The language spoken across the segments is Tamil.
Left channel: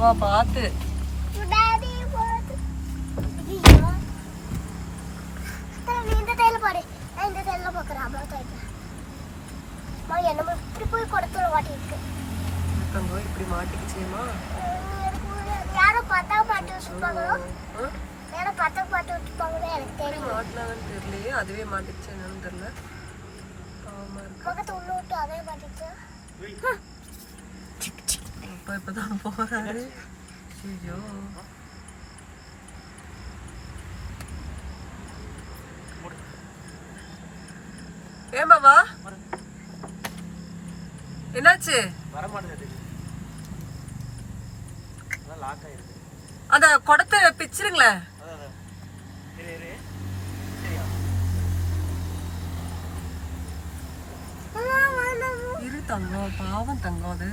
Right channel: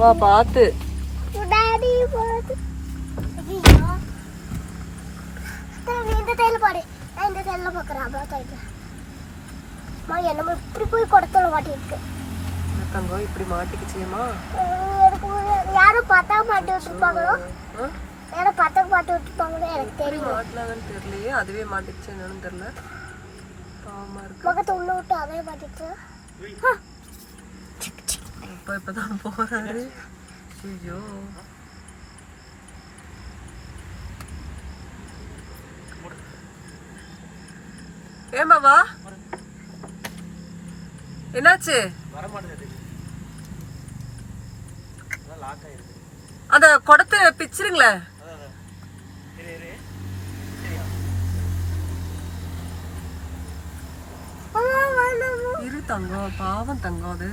வா பாத்து இப்படி மாட்டிக்கிச்சியம்மா. யாரும் பார்த்தா மாட்டி வச்சுப்பாங்களோ, யாரும் பார்த்தா மாட்டி வச்சுப்பாங்களோ எனக்கு தெரியல. மாட்டினாங்கன்னு தெரியலையே, அதுவே மாட்டிக்கிச்சு என்னன்னு தெரியல. பாவமா இருக்கு. முகத்தை உள்ள விட்டு அதே மாட்டிச்சு. இப்பதான் போறாரு. ஐயோ ஏமாவா என்னாச்சு? அந்த குடத்தை பிச்சிருங்களே. இரு தங்கம், பாவம் தங்கம். அது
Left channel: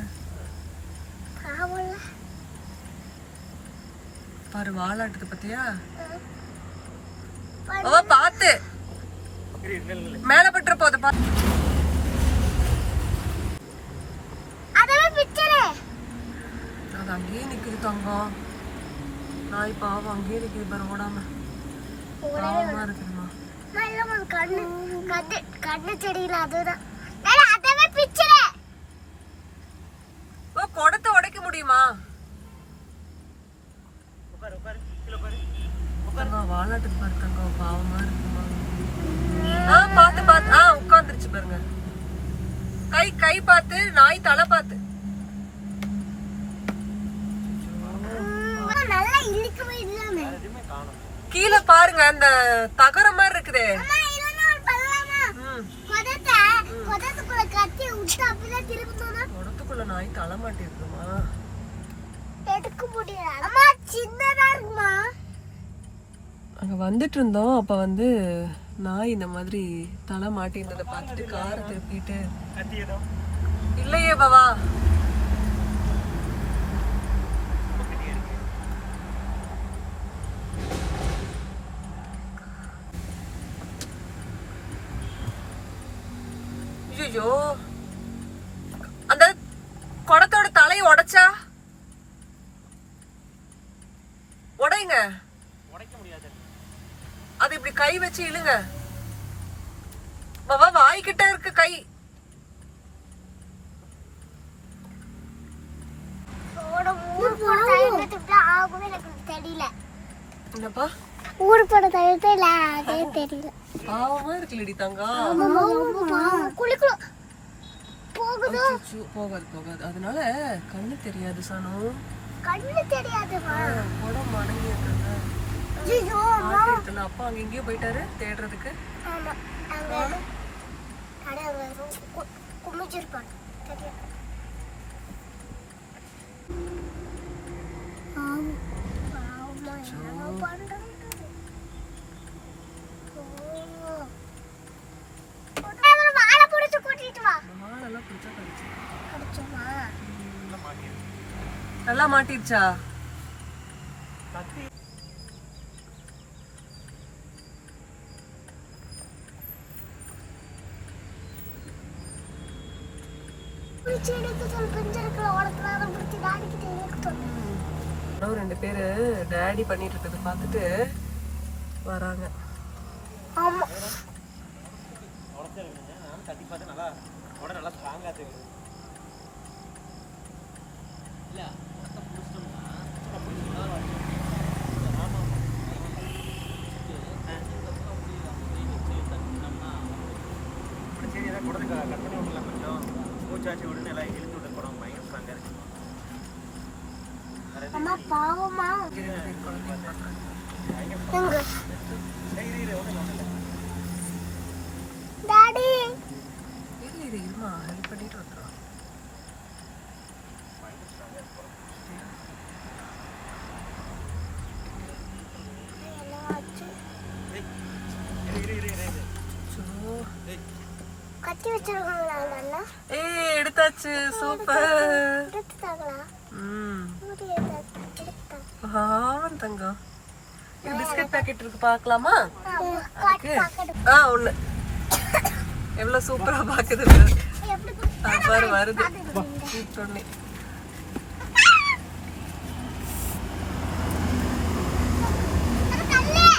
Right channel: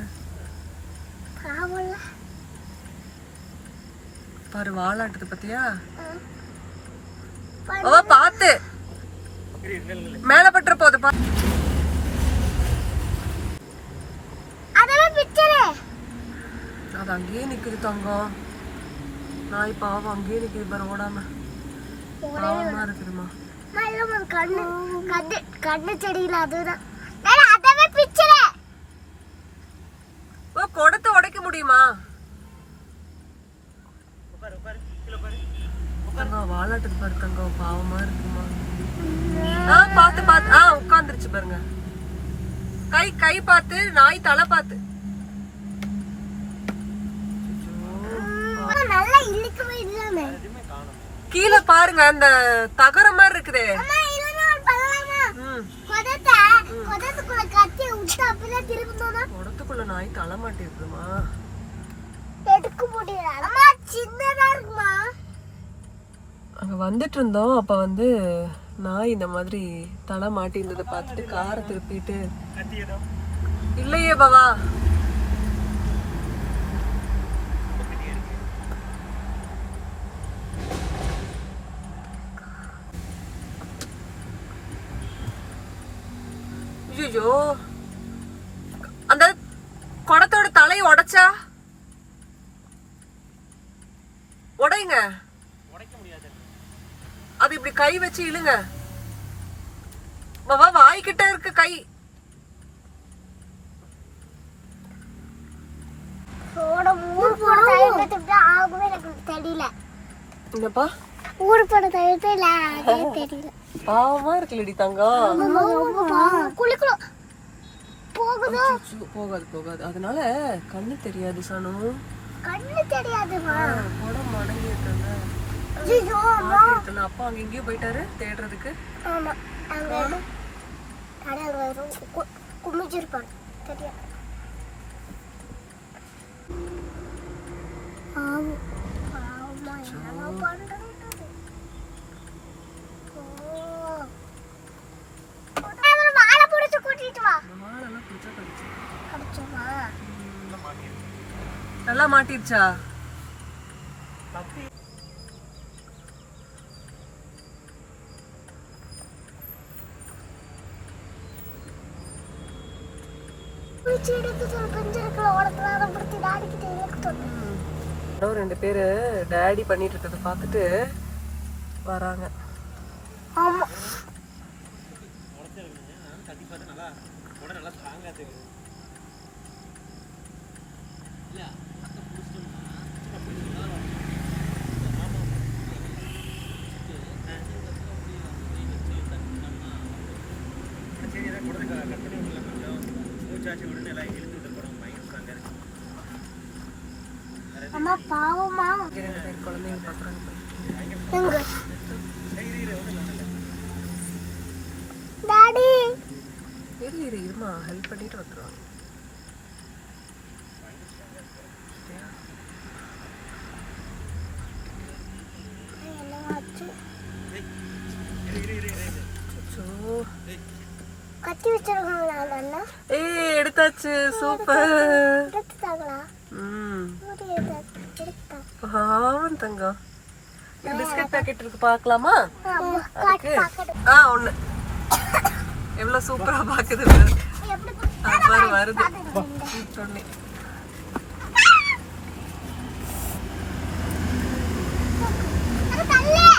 பாரு வாலாட்டுது பத்தியா? ஓ பாத்து மேல பட்டுற போது. அது அங்கேயே நிக்குது தங்கம். நாய் பாவம் அங்கேயே நிக்குது பாரு, ஓடாம. பாவமா இருக்குதுமா. கண்ணு தெரியல. அதுதான் குடத்தை உடைக்க முடியுமா? வாலாட்டுக்கு பாரு தங்கம், பாவமா இருக்குமா. பாத்து பாத்து உட்காந்துருச்சு பாருங்க. கை கை பார்த்து, நாய் தலை பார்த்து. கீழே பாருங்க, அந்த தகர மாதிரி இருக்குதே. குடத்துக்குள்ள நாய் தலை மாட்டிருக்குமா? அங்க வந்துட்டு இருந்தோம். அப்ப வந்து நாய் இந்த மாதிரி தலை மாட்டி இருந்ததை பார்த்துட்டு காரை திருப்பிட்டு. இல்லையே பாவா. ஐயோ, அந்த குடத்தோட தலையை உடைச்சா உடைங்க. அது இப்படி கை வச்சு இழுங்க. பாவா வாய்கிட்ட இருக்கு கை. என்னப்பா ஊரு போட தெரியல, அதே தெரியல. பாவமா இருக்குல்லடி தங்கம். போகுது போகாது போகாது. அதனால கண்ணு தெரியாது சானு. கண்ணு தெரியாது. குடம் மடங்கி இருக்காங்க. அப்பா அங்க எங்கேயோ போயிட்டாரு தேடுறதுக்கு. குமிச்சிருப்பான் தெரியாது. நல்லா மாட்டிருச்சா? ரெண்டு பேரு டாடி பண்ணிட்டு இருக்கத பாத்துட்டு வராங்க. பாவமா டாடி இருமா ஹெல்ப் பண்ணிட்டு வந்துடும். கட்டி வச்சிருக்காங்களா? எடுத்தாச்சு. சூப்பர். பாவம் தங்கம். பிஸ்கட் பாக்கெட் இருக்கு பார்க்கலாமா? ஒண்ணு எவ்வளவு சூப்பரா பாக்குது பாரு. வருது.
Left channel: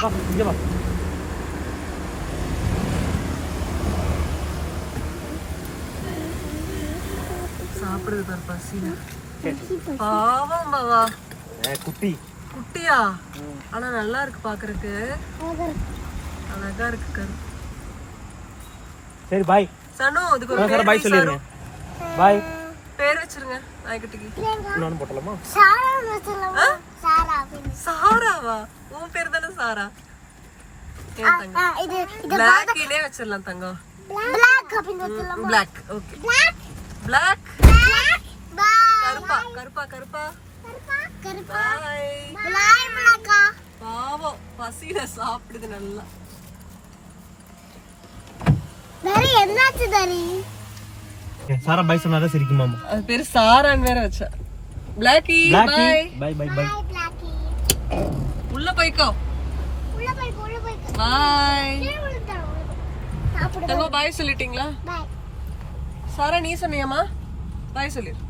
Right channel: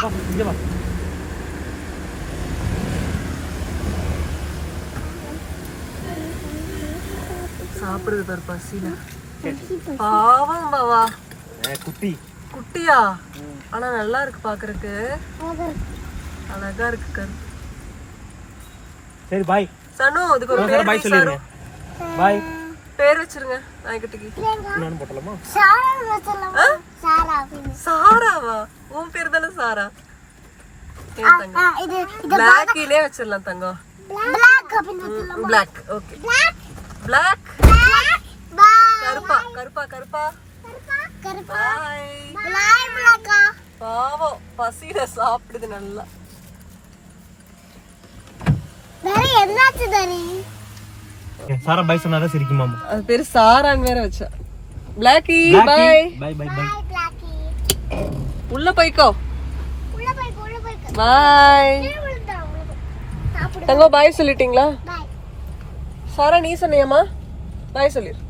வா இங்க வா. சாப்பிடுது பாரு பசியில. பாவம் பாவா. குட்டி. குட்டியா? ஆனா நல்லா இருக்கு பாக்குறதுக்கு. அழகா இருக்கு கரு. சரி பாய். சனு அதுக்கு ஒரு சார் பாய் சொல்லிருங்க. பாய். பேர் வச்சிருங்க நாய்க்குட்டிக்கு. நானும் போட்டலாமா? சாரா வச்சலாமா? சாரா. சாராவா? உன் பேர் தானே சாரா. ஏன் தங்கம்? இது பிளாக்கிலே வச்சிரலாம் தங்கம். black அப்படின்னு வச்சலாமா? Black. Okay. black black. bye கருப்பா கருப்பா கருப்பா. கருப்பா பாய். black பாவம் பசியில சாப்பிடுது நல்லா. வேற என்னாச்சு தரி? சாரா பாய் சொன்னாதான் சிரிக்குமாமா. அது பேரு சாரான்னு வேற வச்சா. Blacky bye. Bye bye bye. blacky உள்ள போய்க்கோ. உள்ள போய் பாய். கீழ விழுந்தா சாப்பிடு. தங்கம் பாய் சொல்லிட்டீங்களா? பை சாரா நீ சொன்னியம்மா? பாய் சொல்லிரு.